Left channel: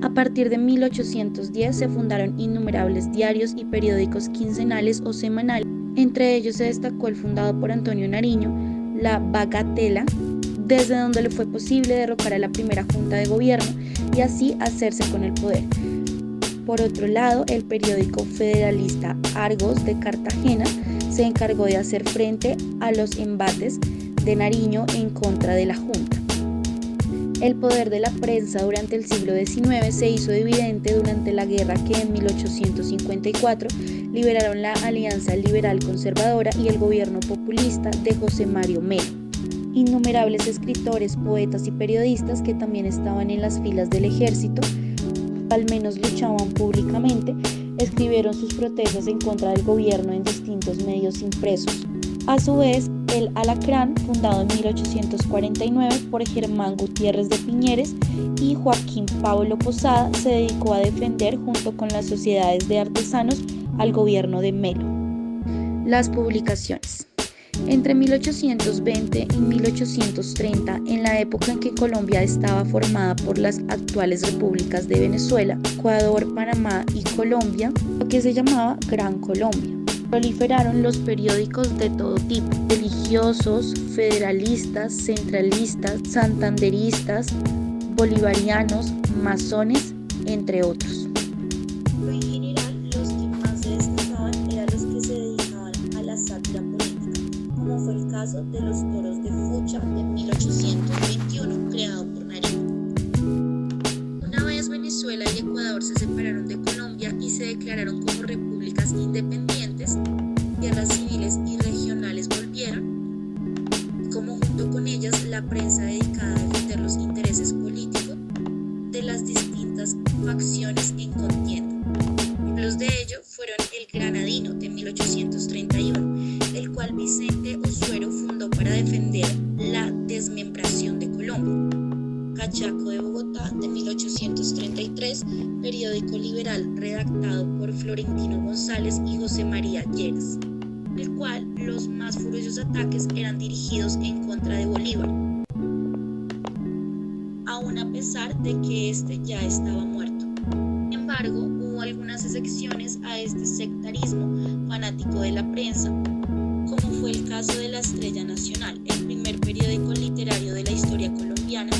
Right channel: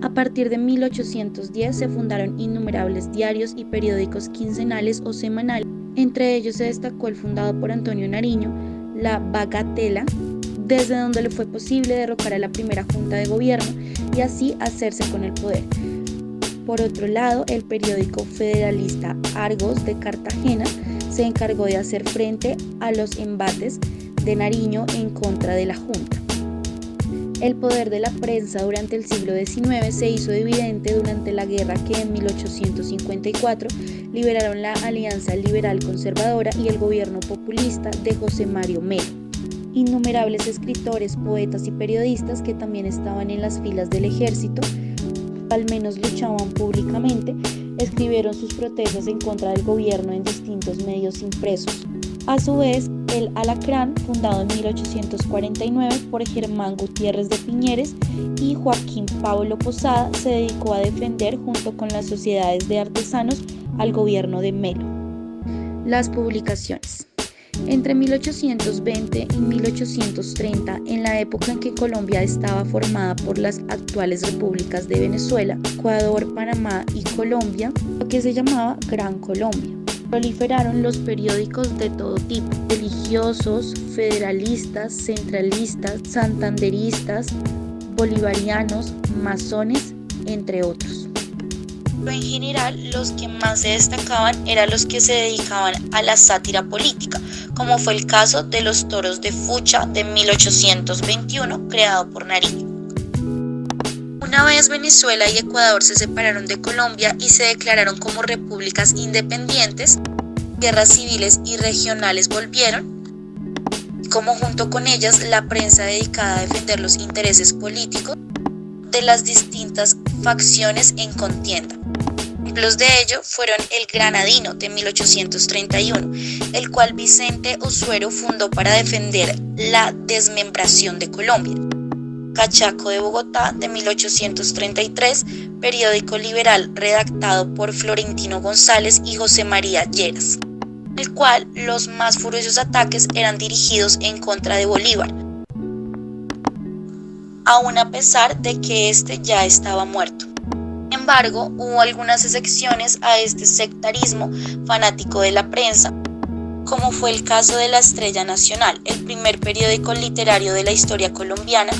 A partir de 1810 se fundaron innumerables diarios y periódicos quincenales o semanales. Entre ellos se destacó el fundado por Antonio Nariño, La Bagatela, desde donde le fue posible derrocar a la primera junta de gobierno y así hacerse con el poder. Por otro lado, el periódico federalista Argos de Cartagena se encargó de hacer frente a los embates de Nariño en contra de la junta. El poder de la prensa durante el siglo XIX se hizo evidente durante la guerra que en 1854 liberaron la Alianza Liberal Conservadora y el gobierno populista de José Mario Melo. Innumerables escritores, poetas y periodistas que también estaban en las filas del ejército, al menos luchaban públicamente, escribieron sus protestas en contra del gobierno en distintos medios impresos. A su vez, el Alacrán, fundado en 1849 por Germán Gutiérrez de Piñeres y Joaquín Pablo Posada, se dedicó a defender junto con las sociedades de artesanos al gobierno de Melo. Las publicaciones. Entre 1820 y 1830, en la época en que Colombia estaba formada por las actuales repúblicas de Venezuela, Ecuador, Panamá y Colombia, lo que se llamaba Gran Colombia, proliferaron los periódicos de todo tipo: religiosos, federalistas, centralistas, santanderistas, bolivarianos, masones, entre otros. Pero en general, los que más se destacaban eran los que se dedicaban a la sátira política, como fue el caso de Los Toros de Fucha de 1821, creado por Nariño. Una vez Venezuela y Ecuador se separaron de Colombia y se declararon como repúblicas independientes, guerras civiles y regionales volvieron, como junto con ellas la prensa dedicada a defender los intereses políticos de las distintas facciones en contienda. Ejemplos de ello fueron el Granadino de 1831, el cual Vicente Osuero fundó para defender la desmembración de Colombia. Cachaco de Bogotá de 1833, periódico liberal redactado por Florentino González y José María Lleras, el cual los más furiosos ataques eran dirigidos en contra de Bolívar, aun a pesar de que éste ya estaba muerto. Sin embargo, hubo algunas excepciones a este sectarismo fanático de la prensa, como fue el caso de La Estrella Nacional, el primer periódico literario de la historia colombiana,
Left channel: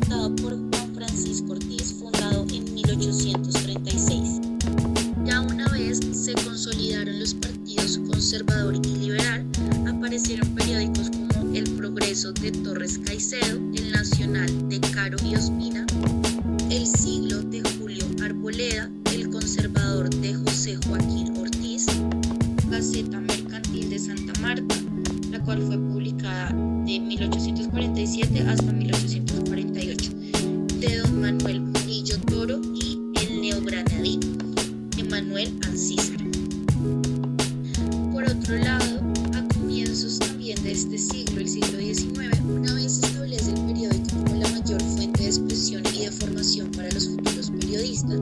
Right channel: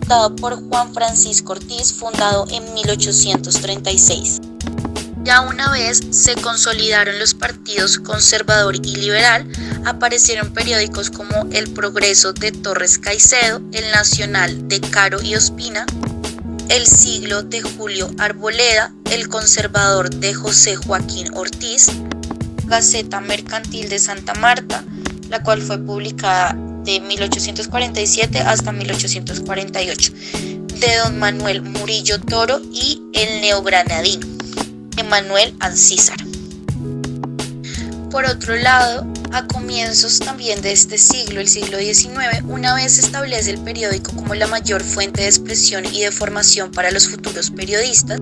fundado por Juan Francisco Ortiz, fundado en 1836. Ya una vez se consolidaron los partidos conservador y liberal, aparecieron periódicos como El Progreso de Torres Caicedo, El Nacional de Caro y Ospina, El Siglo de Julio Arboleda, El Conservador de José Joaquín Ortiz, Gaceta Mercantil de Santa Marta, la cual fue publicada de 1847 hasta 1848, de don Manuel Murillo Toro, y El Neogranadino, de Manuel Ancísar. Por otro lado, a comienzos también de este siglo, el siglo XIX, una vez se establece el periódico como la mayor fuente de expresión y de formación para los futuros periodistas,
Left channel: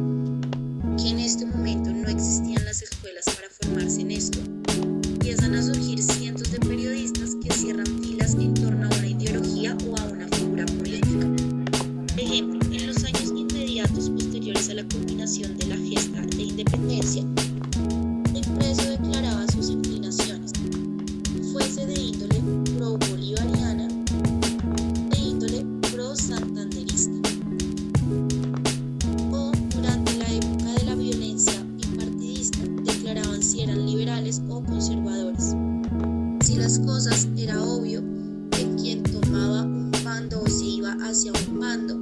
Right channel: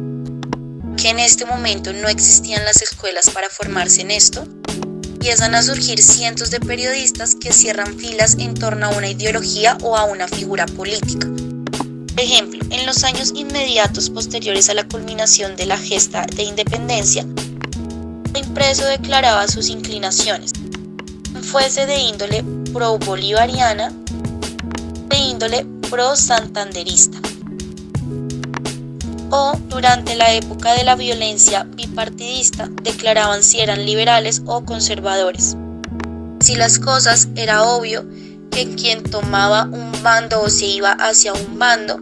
que en este momento no existían las escuelas para formarse en esto, empiezan a surgir cientos de periodistas que cierran filas en torno a una ideología o a una figura política. Por ejemplo, en los años inmediatos posteriores a la culminación de la gesta de independencia, el impreso declaraba sus inclinaciones, fuese de índole pro-bolivariana, de índole pro-santanderista, o durante la época de la violencia bipartidista declaraban si eran liberales o conservadores. Si las cosas, era obvio que quien tomaba un bando o se iba hacia un bando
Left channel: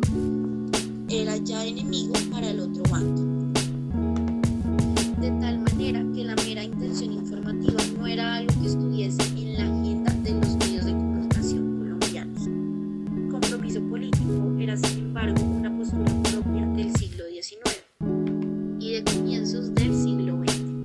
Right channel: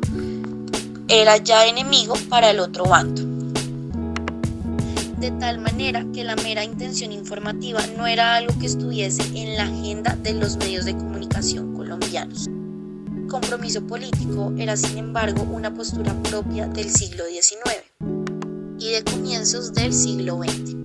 era ya enemigo para el otro bando. De tal manera que la mera intención informativa no era algo que estuviese en la agenda de los medios de comunicación colombianos. El compromiso político era, sin embargo, una postura propia del siglo XIX y de comienzos del siglo XX.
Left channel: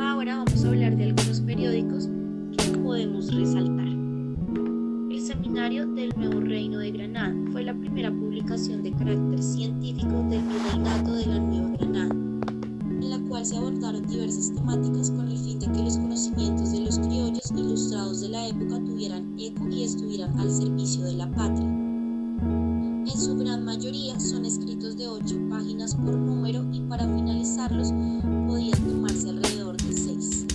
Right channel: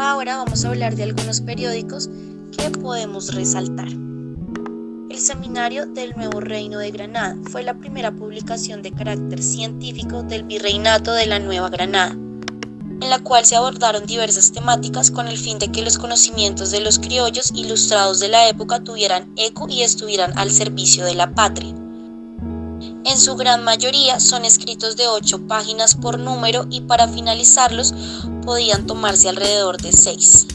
Ahora vamos a hablar de algunos periódicos que podemos resaltar. El Seminario del Nuevo Reino de Granada fue la primera publicación de carácter científico del Virreinato de la Nueva Granada, en la cual se abordaron diversas temáticas con el fin de que los conocimientos de los criollos ilustrados de la época tuvieran eco y estuvieran al servicio de la patria. En su gran mayoría son escritos de 8 páginas por número y para finalizarlos podían tomarse alrededor de 6.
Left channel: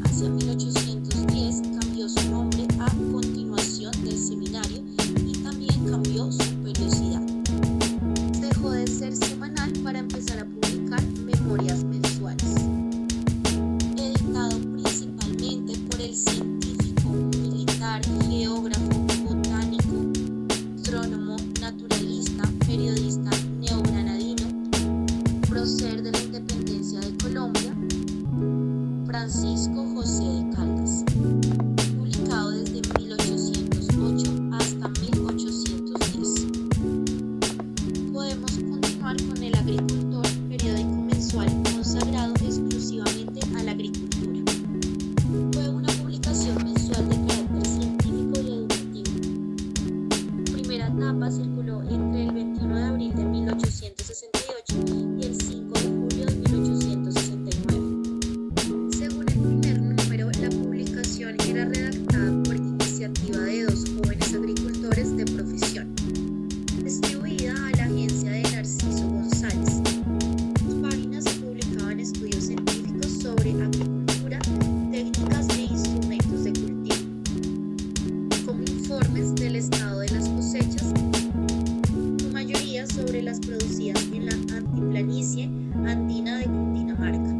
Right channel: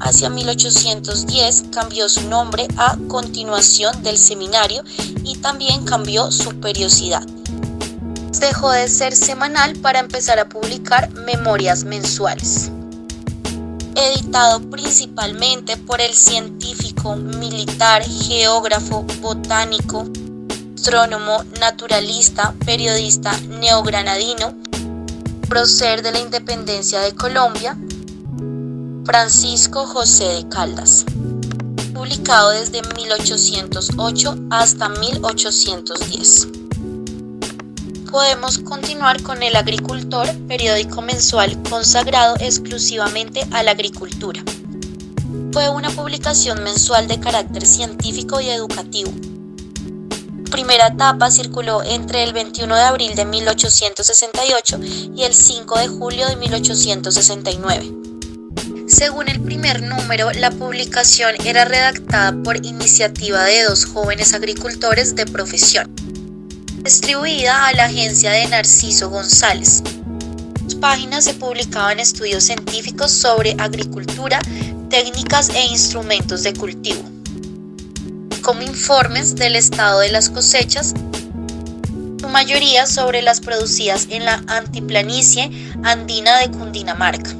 Hacia 1810 cambió su nombre a Continuación del Seminario y también cambió su periodicidad. Dejó de ser semanal para empezar a publicar memorias mensuales. Editado principalmente por el científico, militar, geógrafo, botánico, astrónomo, naturalista, periodista neogranadino, prócer de la independencia de Colombia, Francisco José de Caldas. Publicado desde 1808 hasta 1810. Podemos continuar con El Agricultor, periódico mensual consagrado exclusivamente a la agricultura. Fue una publicación mensual de carácter científico y educativo. Primera etapa circuló entre el 21 de abril de 1868 y el 5 de julio de 1869. Según el primer número, la publicación era redactada por iniciativa de 2 jóvenes agricultores de profesión, distribuida a la agencia de Narciso González. En sus páginas se publicaban estudios científicos sobre agricultura, técnicas e instrumentos de cultivo, como informes del estado de las cosechas, su mayoría sobre las producidas en la altiplanicie andina de Cundinamarca.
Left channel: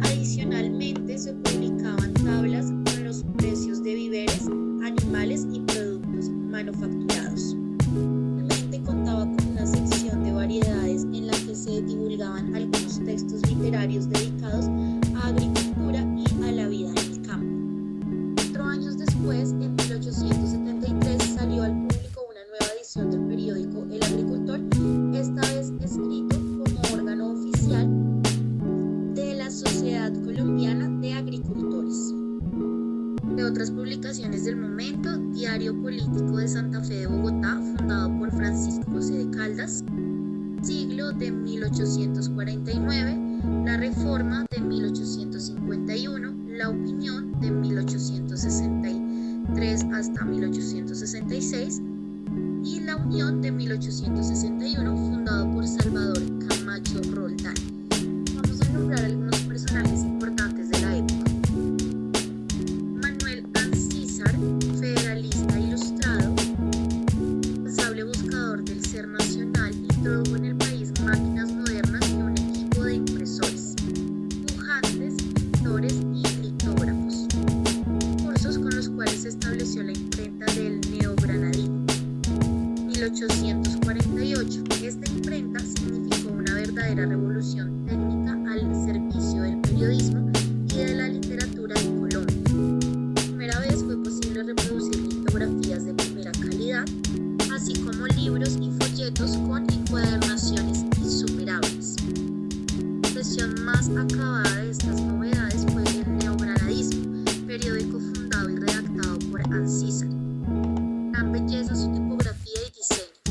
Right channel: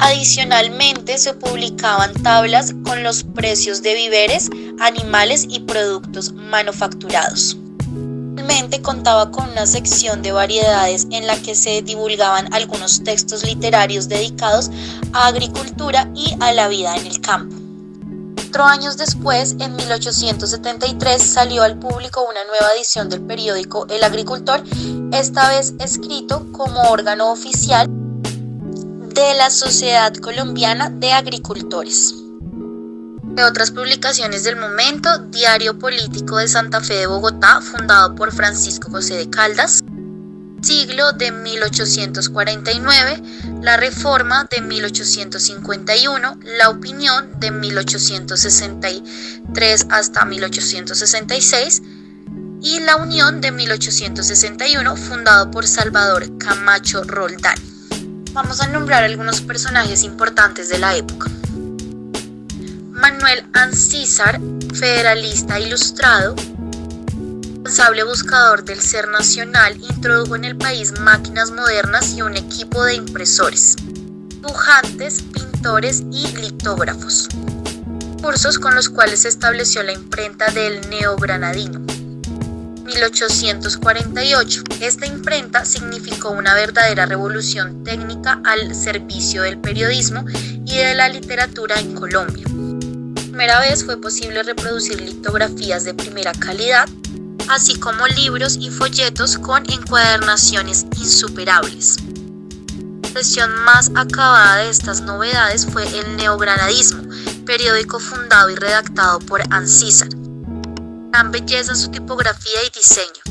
Adicionalmente, se publicaban tablas con los precios de víveres, animales y productos manufacturados. Finalmente, contaba con una sección de variedades en la que se divulgaban algunos textos literarios dedicados a agricultura y a la vida en el campo. 4 años después, en 1873, salió al público una nueva edición del periódico El Agricultor, esta vez escrito como órgano oficial de la Sociedad Colombiana de Agricultores. De otras publicaciones del momento, Diario Político de Santa Fe de Bogotá, fundado por Francisco José de Caldas, Siglo de 1849, La Reforma de 1851, La Opinión de 1863 hasta 1866 y La Unión de 1861, fundado por Salvador Camacho Roldán. Vamos a nombrar algunos personajes importantes de la época. Manuel Ancísar, federalista ilustrado, responsable buscador del ser nacional, introdujo en el país máquinas modernas y un equipo de impresores, dibujantes, pintores y litógrafos, cursos con los cuales se estableció la imprenta del neogranadino. 1848. Esta imprenta significó una verdadera revolución técnica al servicio del periodismo y de la literatura en Colombia. Por primera vez fue posible reproducir litografías de primera calidad, así como libros y folletos con encuadernaciones insuperables. La expresión más acabada de estas novedades fue el neogranadismo, periódico fundado y redactado por Ancísar. Gran belleza su tipografía y diseño.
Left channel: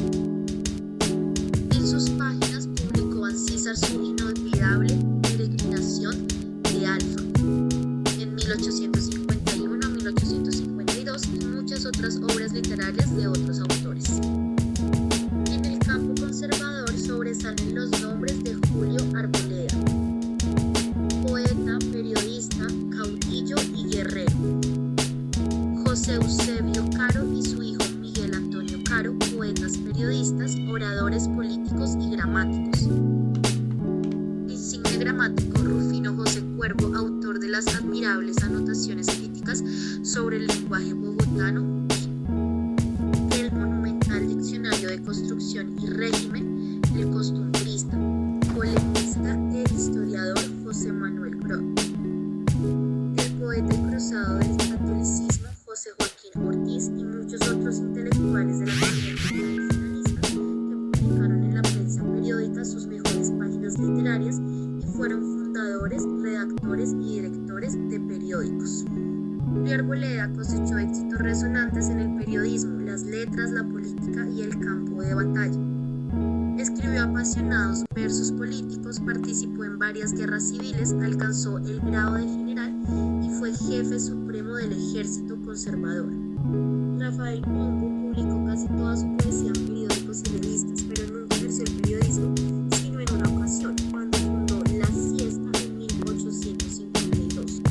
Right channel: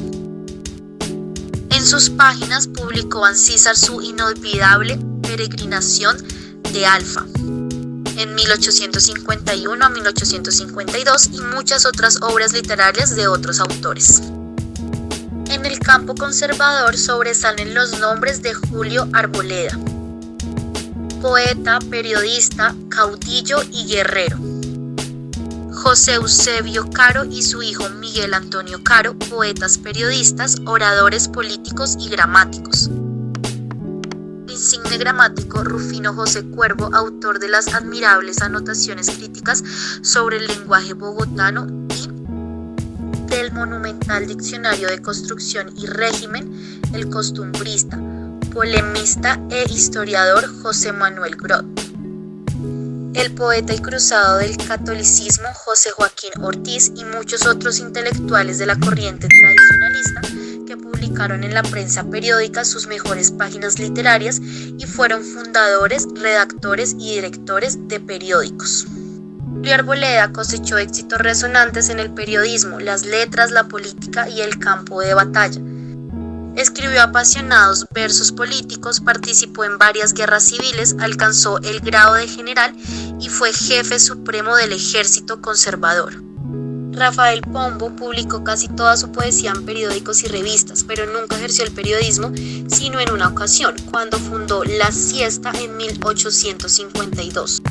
En sus páginas publicó Ancísar su inolvidable Peregrinación de Alfa en 1851 a 1852 y muchas otras obras literarias de otros autores. En el campo conservador sobresalen los nombres de Julio Arboleda, poeta, periodista, caudillo y guerrero; José Eusebio Caro y su hijo Miguel Antonio Caro, poetas, periodistas, oradores políticos y gramáticos; el insigne gramático Rufino José Cuervo, autor de las admirables anotaciones críticas sobre el lenguaje bogotano y del monumental diccionario de construcción y régimen, el costumbrista, polemista e historiador José Manuel Groth; el poeta y cruzado del catolicismo José Joaquín Ortiz y muchos otros intelectuales de la corriente tradicionalista que publicaron en la prensa periódica sus mejores páginas literarias y fueron fundadores, redactores y directores de periódicos. Julio Arboleda cosechó éxitos resonantes en el periodismo, las letras, la política y el campo de batalla. Escribió apasionados versos políticos, participó en varias guerras civiles, alcanzó el grado de general y fue jefe supremo del ejército conservador. Rafael Pombo publicó casi toda su poesía en periódicos y revistas, pero nunca ejerció el periodismo, sino en una ocasión, cuando fundó La Siesta en 1852,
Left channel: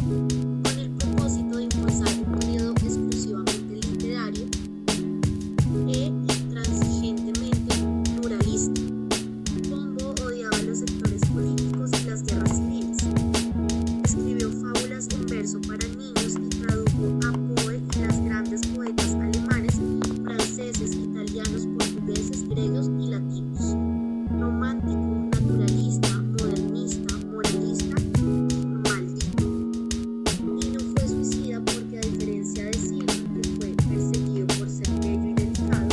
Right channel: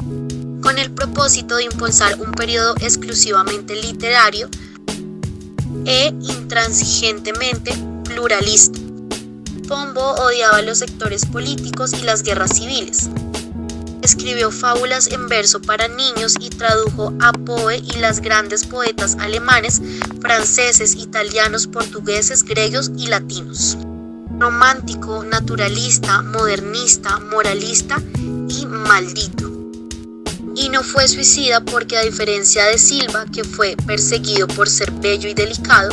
con el propósito de impulsar un periodo exclusivamente literario e intransigentemente pluralista. Pombo odiaba los sectores políticos y las guerras civiles. Escribió fábulas en verso para niños y tradujo a Poe y las grandes poetas alemanes, franceses, italianos, portugueses, griegos y latinos. Romántico, naturalista, modernista, moralista y maldito. Y no fue suicida porque, a diferencia de Silva, que fue perseguido por ser bello y delicado,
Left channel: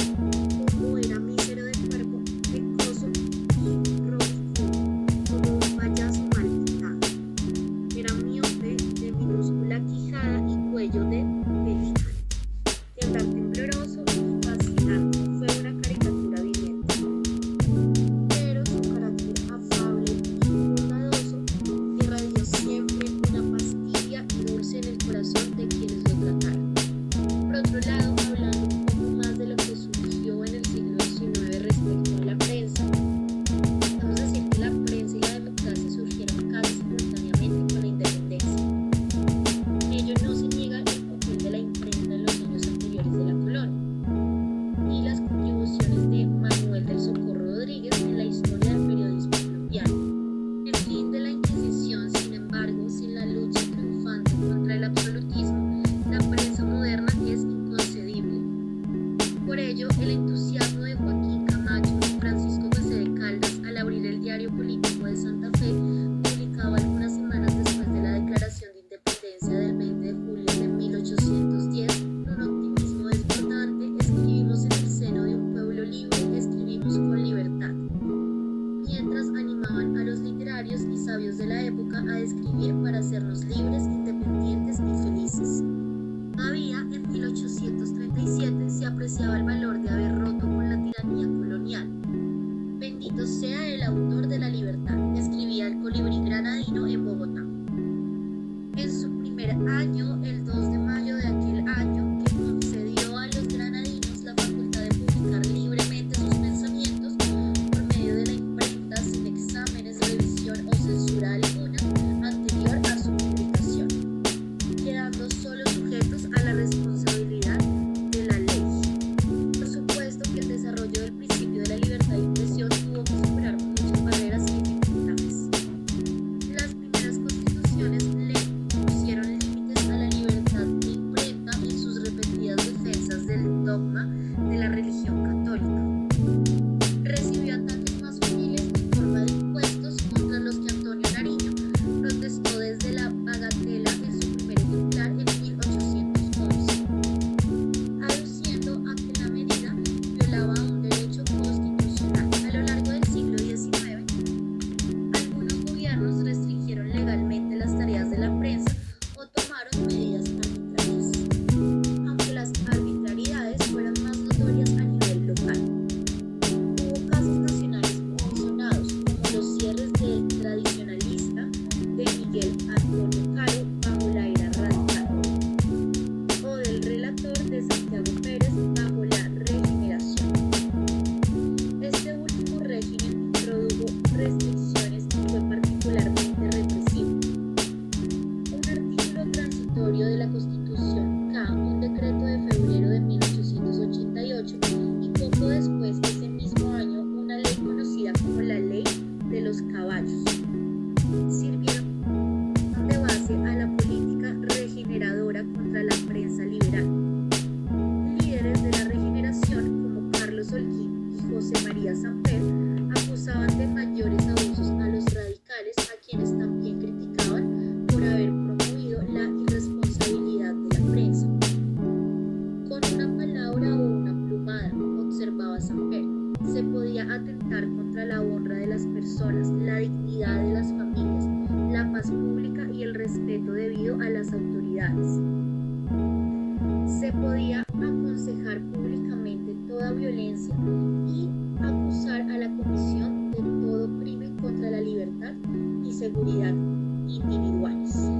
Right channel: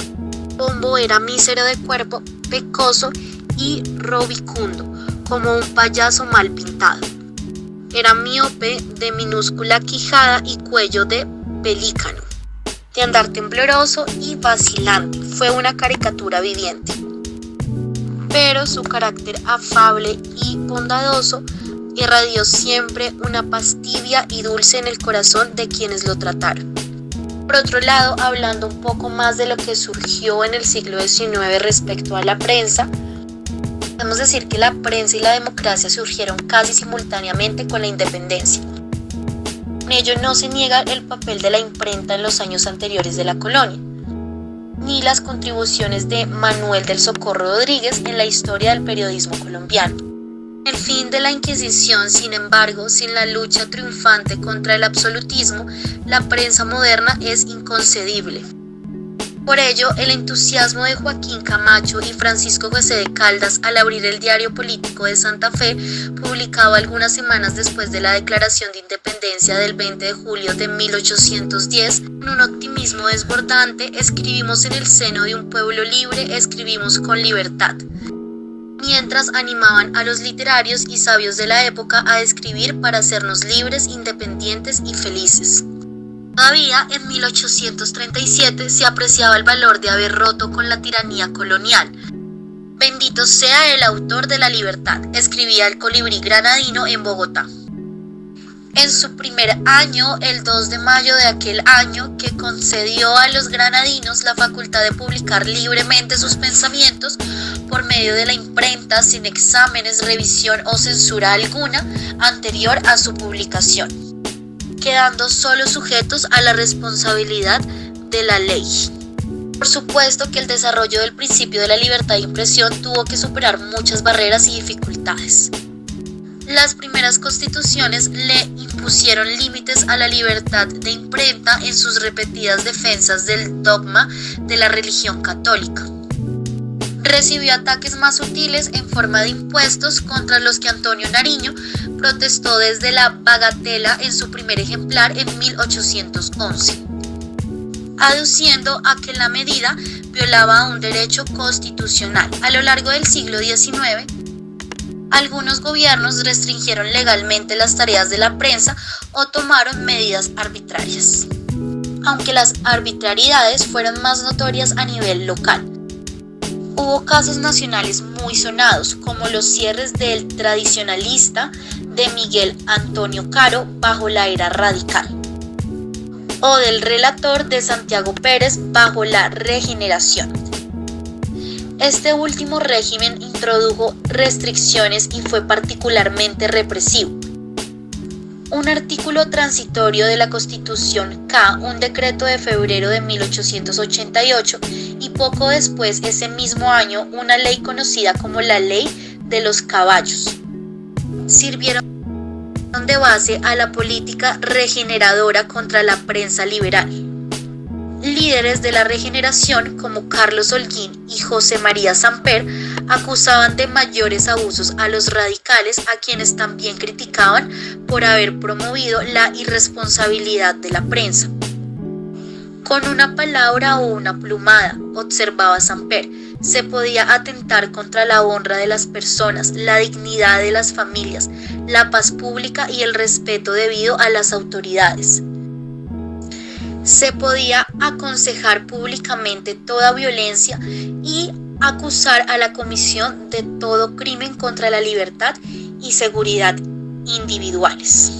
Pombo era mísero de cuerpo, pecoso y robicundo, como un payaso mal pintado. Era miope, de minúscula quijada y cuello de pelícano, de andar tembloroso y vacilante. Fue una caricatura viviente. Pero su carácter afable y bondadoso irradió siempre una paz tibia y dulce en el corazón de quienes lo trataron. Por otro lado, hablando un poco más de lo que surgió en el siglo XIX respecto a la prensa, podemos decir que la prensa y la democracia surgieron casi simultáneamente con la independencia. En ello no se niega el papel de la imprenta en los años anteriores de la colonia, ni las contribuciones de Manuel del Socorro Rodríguez en la historia del periodismo colombiano. El fin de la Inquisición, sin embargo, sin la lucha triunfante contra el absolutismo, la prensa moderna es inconcebible. Por ello, el entusiasmo de Joaquín Camacho y Francisco José de Caldas al abrir el Diario Político de Santa Fe, publicado algunas semanas después de la Declaración de Independencia del 20 de julio de 1810, con un optimismo desbordante: escribimos en el seno de un pueblo libre, escribimos con libertad. Mientras animaban a los literarios y sabios de la época a escribir para hacernos libres, independientes y felices. Todavía en 1837 se apreciaba el valor de haber roto con la tiranía colonial. Bendito sea el autor de la libertad, escribía el colibrí granadino en Bogotá. En su primer año, el 2 de mayo de aquel año, que concedió a los granadinos la facultad de publicar libremente sus pensamientos por medio de la imprenta, sin exámenes, revisión o censura alguna anterior a su publicación, quedando solo sujetos a la responsabilidad de la ley. Por supuesto que el desarrollo del principio de la libertad de impresión tuvo que superar muchas barreras y dificultades. Las primeras constituciones le impusieron límites a la libertad de imprenta en sus repetidas defensas del dogma de la religión católica. Recibió ataques más sutiles en forma de impuestos, contra los que Antonio Nariño protestó desde la bagatela en su primer ejemplar en 1811, aduciendo a que la medida violaba un derecho constitucional. A lo largo del siglo XIX, algunos gobiernos restringieron legalmente las tareas de la prensa o tomaron medidas arbitrarias, aunque las arbitrariedades fueron más notorias a nivel local. Hubo casos nacionales muy sonados, como los cierres del Tradicionalista de Miguel Antonio Caro bajo la era radical, o del Relator de Santiago Pérez bajo la Regeneración. Este último régimen introdujo restricciones y fue particularmente represivo. Un artículo transitorio de la Constitución K, un decreto de febrero de 1888, y poco después, ese mismo año, una ley conocida como la Ley de los Caballos, sirvieron de base a la política regeneradora contra la prensa liberal. Líderes de la regeneración como Carlos Holguín y José María Samper acusaban de mayores abusos a los radicales, a quienes también criticaban por haber promovido la irresponsabilidad de la prensa. Con una palabra o una plumada, observaba Samper, se podía atentar contra la honra de las personas, la dignidad de las familias, la paz pública y el respeto debido a las autoridades. Se podía aconsejar públicamente toda violencia y acusar a la comisión de todo crimen contra la libertad y seguridad individuales.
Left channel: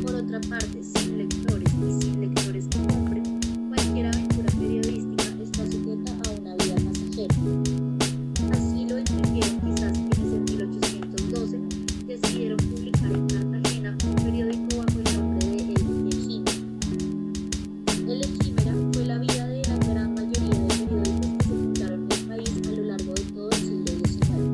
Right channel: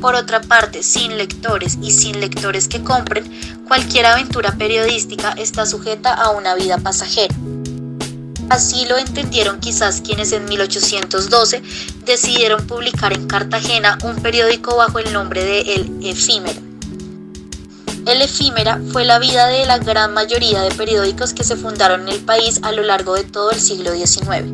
Por otra parte, sin lectores y sin lectores que compren, cualquier aventura periodística está sujeta a una vida pasajera. Así lo entendieron quizás quienes en 1812 decidieron publicar en Cartagena un periódico bajo el nombre de El Efímera. El Efímera fue la vida de la gran mayoría de periódicos que se fundaron en el país a lo largo de todo el siglo XIX.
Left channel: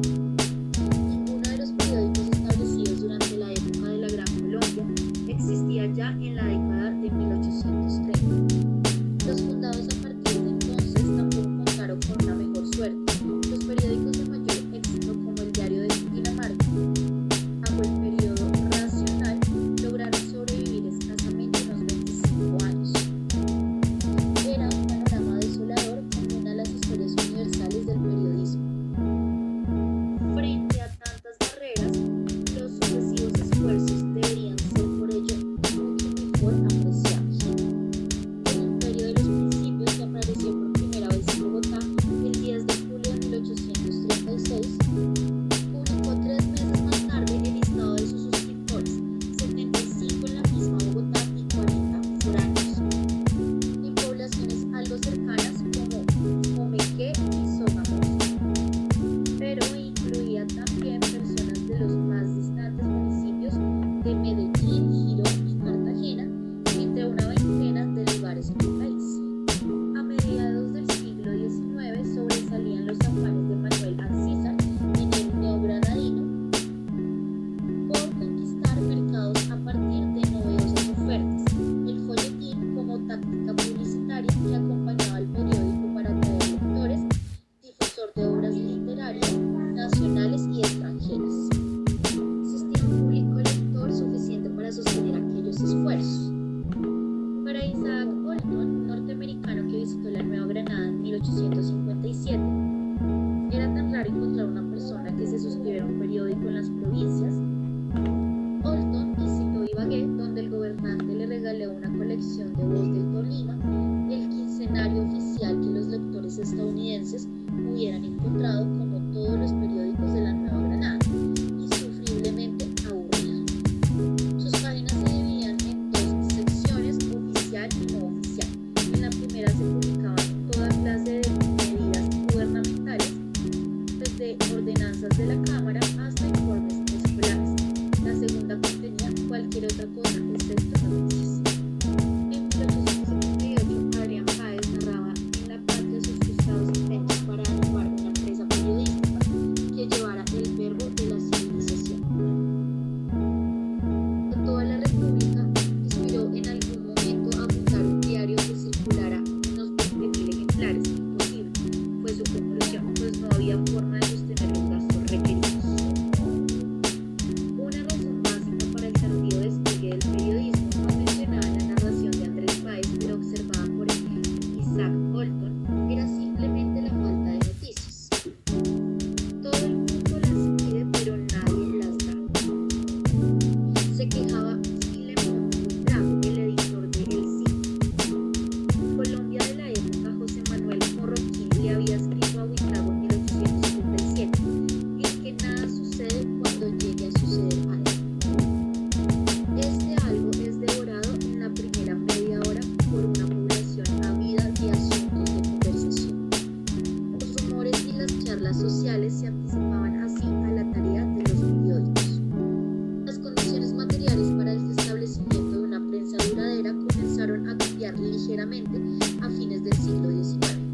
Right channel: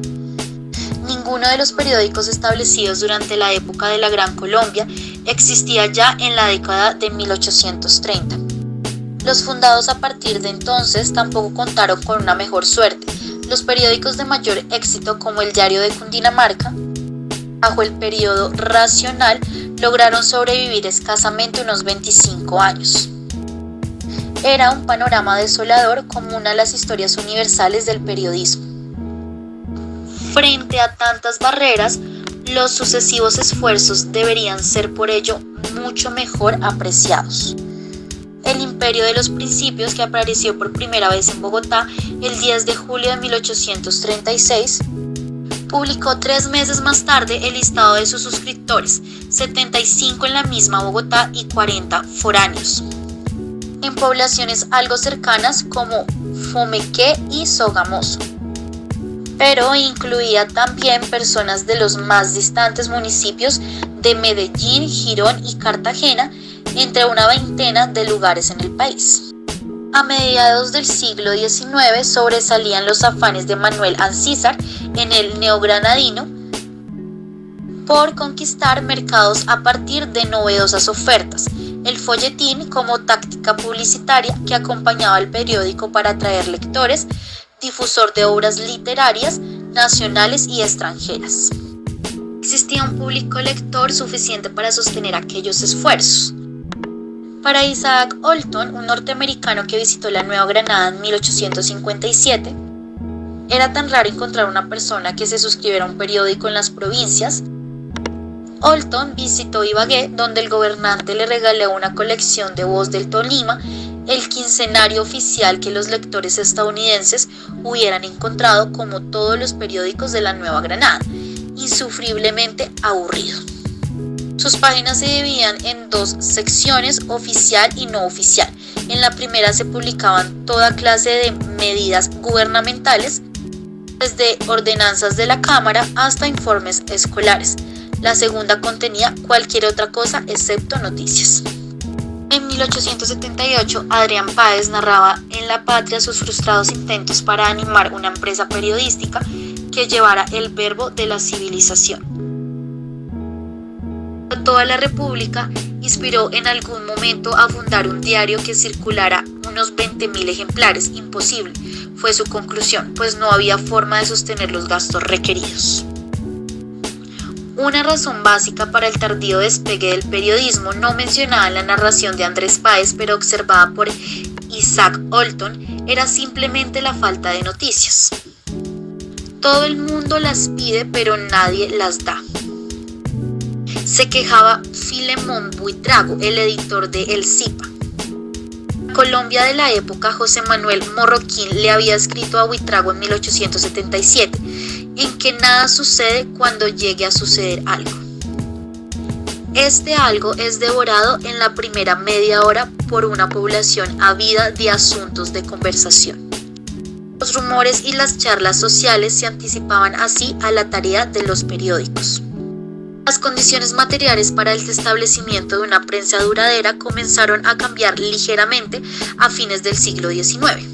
Ninguno de los periódicos establecidos durante la época de la Gran Colombia existía ya en la década de 1830. Los fundados a partir de entonces tampoco contaron con una mejor suerte. Los periódicos de mayor éxito, como el Diario de Cundinamarca, bajo el periodo racional, lograron sobrevivir escasamente unos 25 años. Era un panorama desolador como una de las historias universales del periodismo. Frente a tantas barreras, los sucesivos esfuerzos deberían ser por ello mucho mejor apreciados. El Imperio de los Principios, que apareció por primera vez en Bogotá el 10 de julio de 1836, publicó 3 meses más tarde el listado de sus suscriptores, 75 en la misma Bogotá y 40 foráneos, en poblaciones algo cercanas como Fomeque y Sogamoso, pero incluía también personas de los más distantes municipios de Medellín, Girón y Cartagena, entre una veintena de lugares en el país. A mediados del siglo XIX sobresalían los afanes de Manuel Ancísar en el neogranadino por conquistar mercados a partir de novedosas ofertas, el folletín como táctica publicitaria que acompañaba al periódico para atraer lectores, difusor de obras literarias nacionales y extranjeras. Existía un público lector suficiente para sostener aquellos esfuerzos. Para Isaac Olton, un norteamericano que visitó la Nueva Granada en 1857, era tan raro encontrar una persona que se suscribiera a un periódico en las provincias. Olton visitó Ibagué, donde el gobernante le regaló una colección de Voz del Tolima, el quincenario oficial que los lectores estadounidenses hubieran encontrado, como todos los periódicos de la Nueva Granada, insufriblemente aburrido. Sus páginas se dividían en 2 secciones, oficial y no oficial. En la primera se publicaban toda clase de medidas gubernamentales, desde ordenanzas de la Cámara hasta informes escolares. La segunda contenía cualquier otra cosa excepto noticias. En 1878, Adrián Páez narraba en La Patria sus frustrados intentos para animar una empresa periodística que llevara el verbo de la civilización. Toda la República inspiró en algún momento a fundar un diario que circulara unos 20.000 ejemplares. Imposible, fue su conclusión, pues no había forma de sostener los gastos requeridos. Una razón básica para el tardío despegue del periodismo, no mencionada en la narración de Andrés Páez, pero observada por Isaac Olton, era simplemente la falta de noticias. Todo el mundo las pide, pero nadie las da. Se quejaba Filemón Buitrago, el editor de El Zipa. Colombia de la época, José Manuel Morroquín le había escrito a Buitrago en 1877, en que nada sucede cuando llegue a suceder algo. Este algo es devorado en la primera media hora por una población ávida de asuntos de conversación. Los rumores y las charlas sociales se anticipaban así a la tarea de los periódicos. Las condiciones materiales para el establecimiento de una prensa duradera comenzaron a cambiar ligeramente a fines del siglo XIX.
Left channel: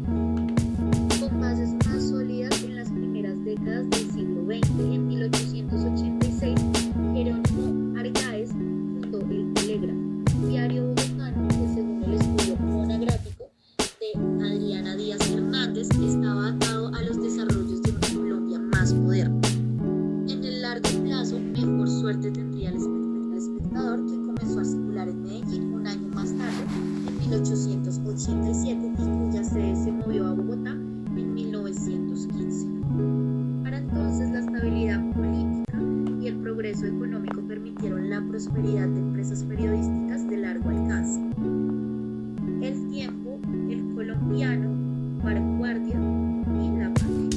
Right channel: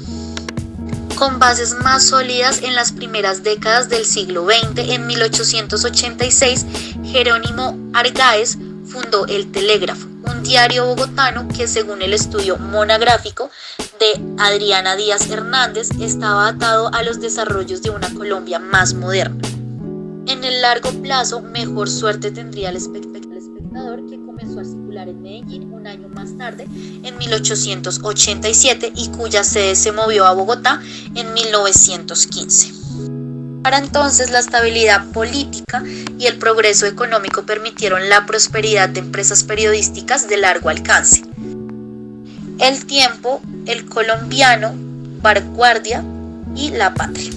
Con bases más sólidas en las primeras décadas del siglo XX, en 1886, Jerónimo Argáez fundó El Telégrafo, un diario bogotano que, según el estudio monográfico de Adriana Díaz Hernández, estaba atado a los desarrollos de una Colombia más moderna. En el largo plazo, mejor suerte tendría el espectador, que comenzó a circular en Medellín un año más tarde, en 1887, y cuya sede se movió a Bogotá en 1915. Para entonces, la estabilidad política y el progreso económico permitieron la prosperidad de empresas periodísticas de largo alcance. El Tiempo, El Colombiano, Vanguardia y La Patria.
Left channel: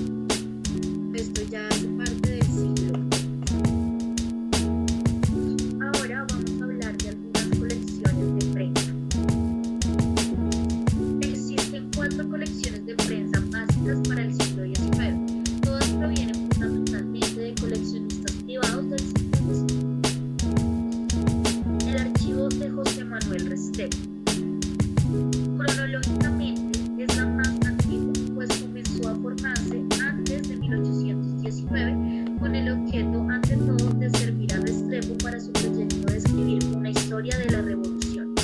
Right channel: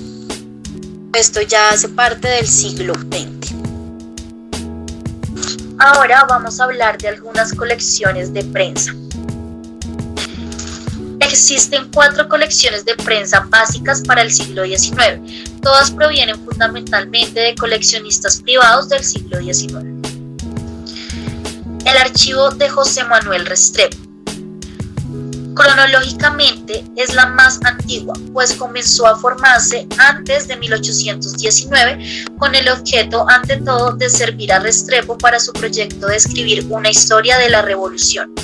Esto ya hace parte del siglo XX. Ahora vamos a hablar de algunas colecciones de prensa. Existen 4 colecciones de prensa básicas para el siglo XIX. Todas provienen fundamentalmente de coleccionistas privados del siglo XIX. El archivo de José Manuel Restrepo. Cronológicamente es la más antigua, pues comenzó a formarse antes de 1819 con el objeto, ante todo, de servir a Restrepo para su proyecto de escribir una historia de la Revolución.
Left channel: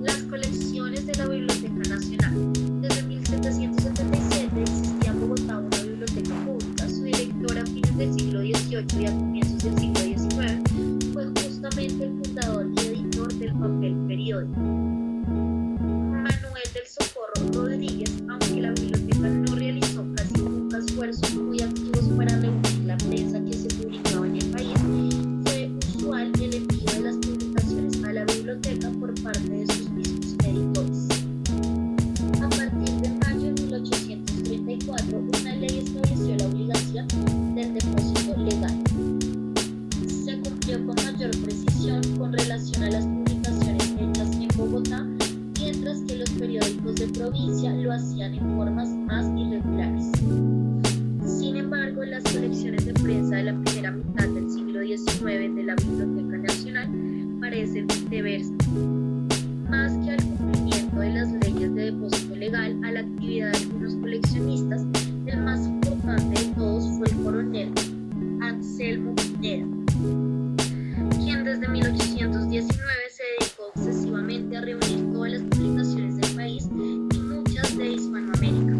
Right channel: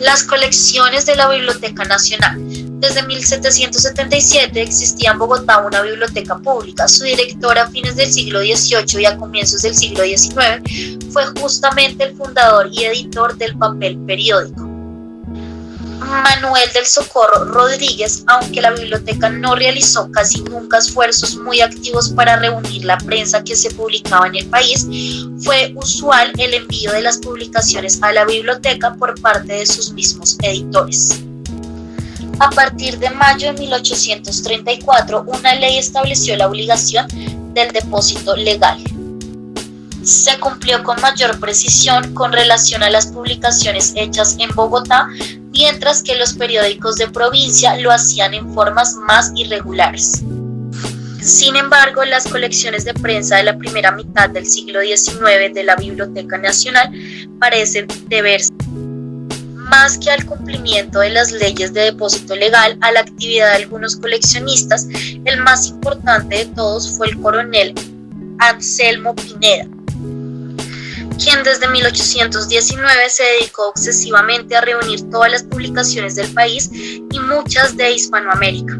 Las colecciones de la Biblioteca Nacional. Desde 1777 existía en Bogotá una biblioteca pública. Su director a fines del siglo XVIII y a comienzos del siglo XIX fue justamente el fundador y editor del papel periódico, Manuel del Socorro Rodríguez. Aunque la biblioteca no realizó casi nunca esfuerzos muy activos para reunir la prensa que se publicaba en el país, fue usual el envío de las publicaciones a la biblioteca por parte de sus mismos editores. A partir de mayo de 1834, una ley estableció la obligación del depósito legal. Se cumplió con mayor precisión con relación a las publicaciones hechas en Bogotá, mientras que los periódicos de provincia lo hacían en formas más irregulares. Sin embargo, las colecciones de prensa de la primera mitad del siglo XIX de la Biblioteca Nacional parecen deberse más que al cumplimiento de las leyes de depósito legal, a la actividad de algunos coleccionistas. El más importante de todos fue el coronel Anselmo Pineda, quien desde 1819 se dedicó obsesivamente a reunir todas las publicaciones del país y muchas de Hispanoamérica.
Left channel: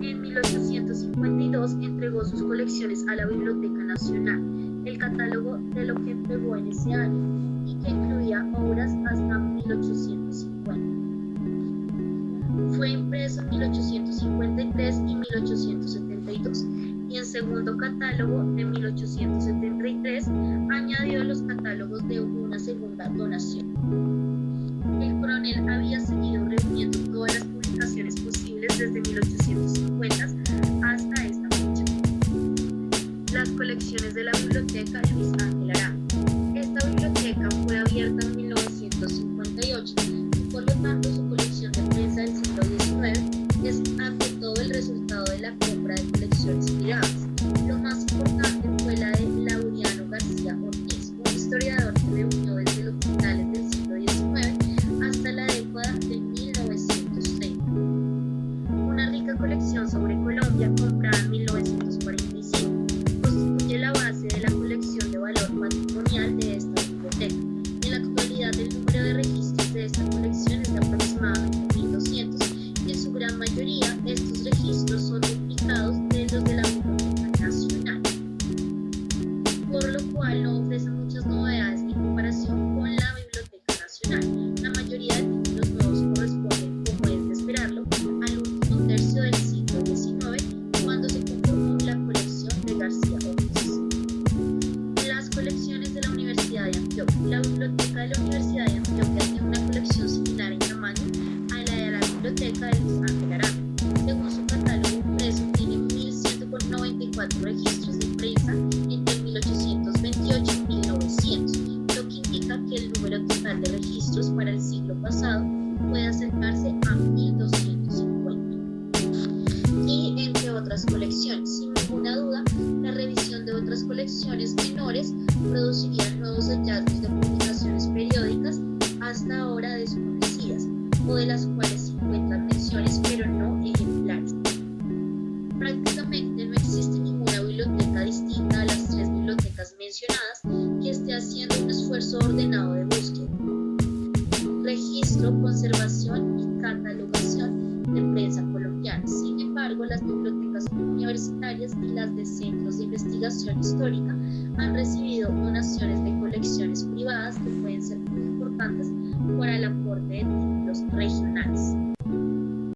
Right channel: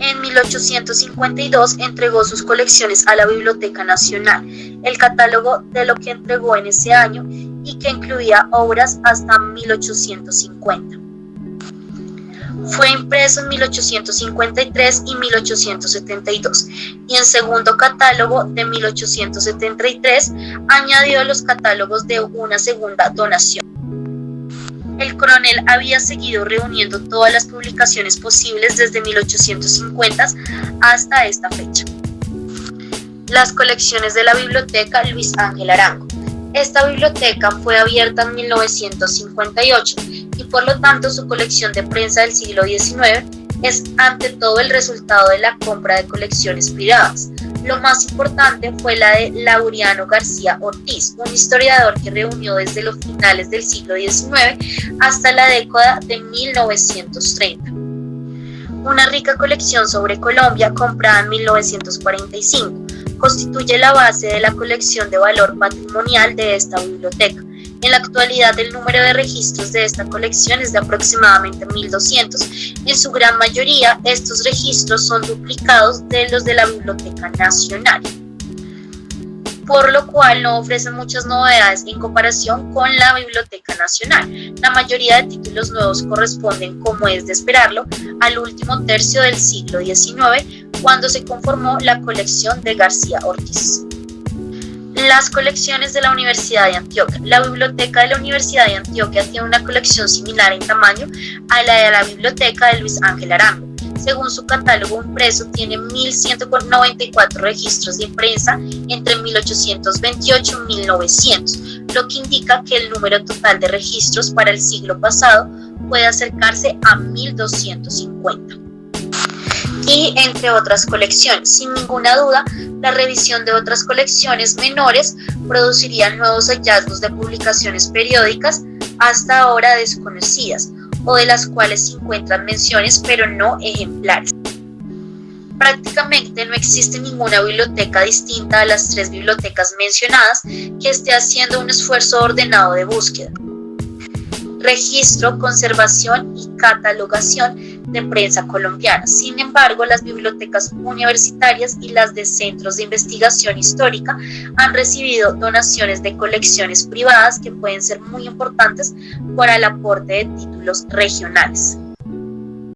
En 1852 entregó sus colecciones a la Biblioteca Nacional. El catálogo de lo que entregó en ese año, y que incluía obras hasta 1850. Fue impreso en 1853 y 1872, y en segundo catálogo de 1873 añadió los catálogos de una segunda donación. El coronel había seguido reuniendo todas las publicaciones posibles desde 1850 hasta esta fecha. Las colecciones de la Biblioteca Luis Ángel Arango. Esta biblioteca fue abierta en 1958 y por lo tanto su colección de prensa del siglo XIX es ante todo el resultado de la compra de colecciones privadas. Lo más importante fue la de Laureano García Ortiz, un historiador que reunió desde los finales del siglo XIX hasta la década de 1930. Una rica colección sobre Colombia, comprada en 1945, constituye la base de la colección de valor patrimonial de esta biblioteca. En la actualidad, el número de registros de esta colección es de aproximadamente 1.200. En su gran mayoría, estos registros son duplicados de los de la Biblioteca Nacional, por lo cual no ofrecen muchas novedades en comparación con la Biblioteca Nacional. La mayoría de títulos nuevos corresponden, como es de esperarlo, al último tercio del siglo XIX, cuando se conformó la colección de García Ortiz. Las colecciones de la Universidad de Antioquia. La Biblioteca de la Universidad de Antioquia tiene una colección similar en tamaño a la de la Biblioteca de Luis Ángel Arango. Según su catálogo impreso, tiene 1.194 registros de prensa entre 1828 y 1900, lo que indica que el número total de registros para el siglo pasado puede acercarse a 1.250. Y entre otras colecciones. Sin ninguna duda, la revisión de otras colecciones menores produciría nuevos hallazgos de publicaciones periódicas hasta ahora desconocidas, o de las cuales se encuentran menciones pero no ejemplares. Prácticamente no existe ninguna biblioteca distinta a las 3 bibliotecas mencionadas que esté haciendo un esfuerzo ordenado de búsqueda, registro, conservación y catalogación de prensa colombiana. Sin embargo, las bibliotecas universitarias y las de centros de investigación histórica han recibido donaciones de colecciones privadas que pueden ser muy importantes para el aporte de títulos regionales.